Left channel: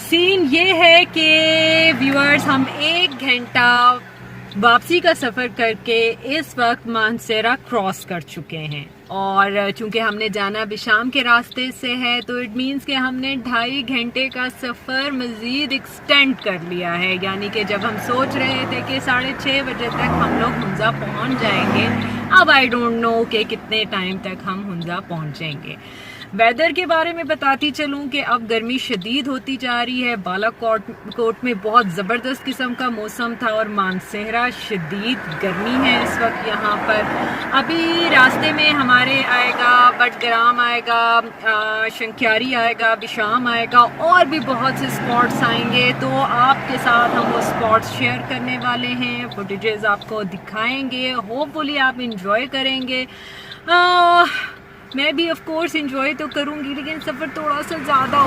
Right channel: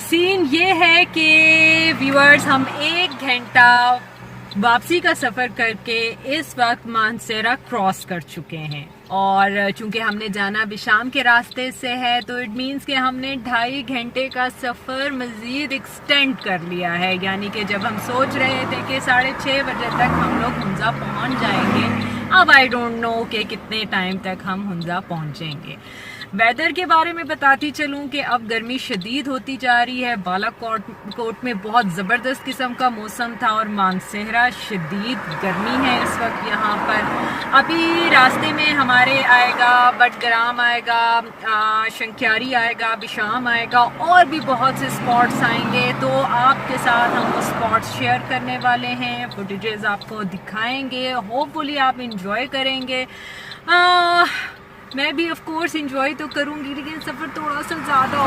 سین یہ ہے کہ ویورز ہم 1 گھنٹہ واپسی کا سفر کر کے اس وقت مانسیرا کراس کر چکے ہیں، اور چونکہ ہم نے جانا بھی شام کے راستے سے ہے تو اٹ مینس کہ ہم نے 2.5 گھنٹے کا سفر مزید ایکسٹینڈ کر لیا ہے، یعنی کہ جب ہم سوچ رہے تھے کہ 6:30 بجے تک ہم لوگ ہنزا پہنچ جائیں گے، اب آئی ڈونٹ نو کہ کتنے ٹائم تک ہم ہنزا پہنچیں گے۔ ویدر کے بارے میں بتاتی چلوں کہ اب گرمی شدید ہوتی جا رہی ہے۔ بالا کوٹ میں بہت زبردست قسم کا موسم تھا اور مانسہرہ شدید گرمی ہے اس وقت یہاں پر۔ ابھی راستے میں ہمارے آئے گا بٹگرام آئے گا، شنکھیاری آئے گا، بشام آئے گا، اور بھی بہت سے اسپاٹس آئیں گے، تو آپ کے ساتھ ہم وہ اسپاٹس شیئر کرنے والے ہیں، فوٹیجز آپ کو دکھائیں گے، ہوپ فلی آپ انجوائے کریں گے۔ میں بھی آف کورس انجوائے تو کروں گی، لیکن سفر تھوڑا سا زیادہ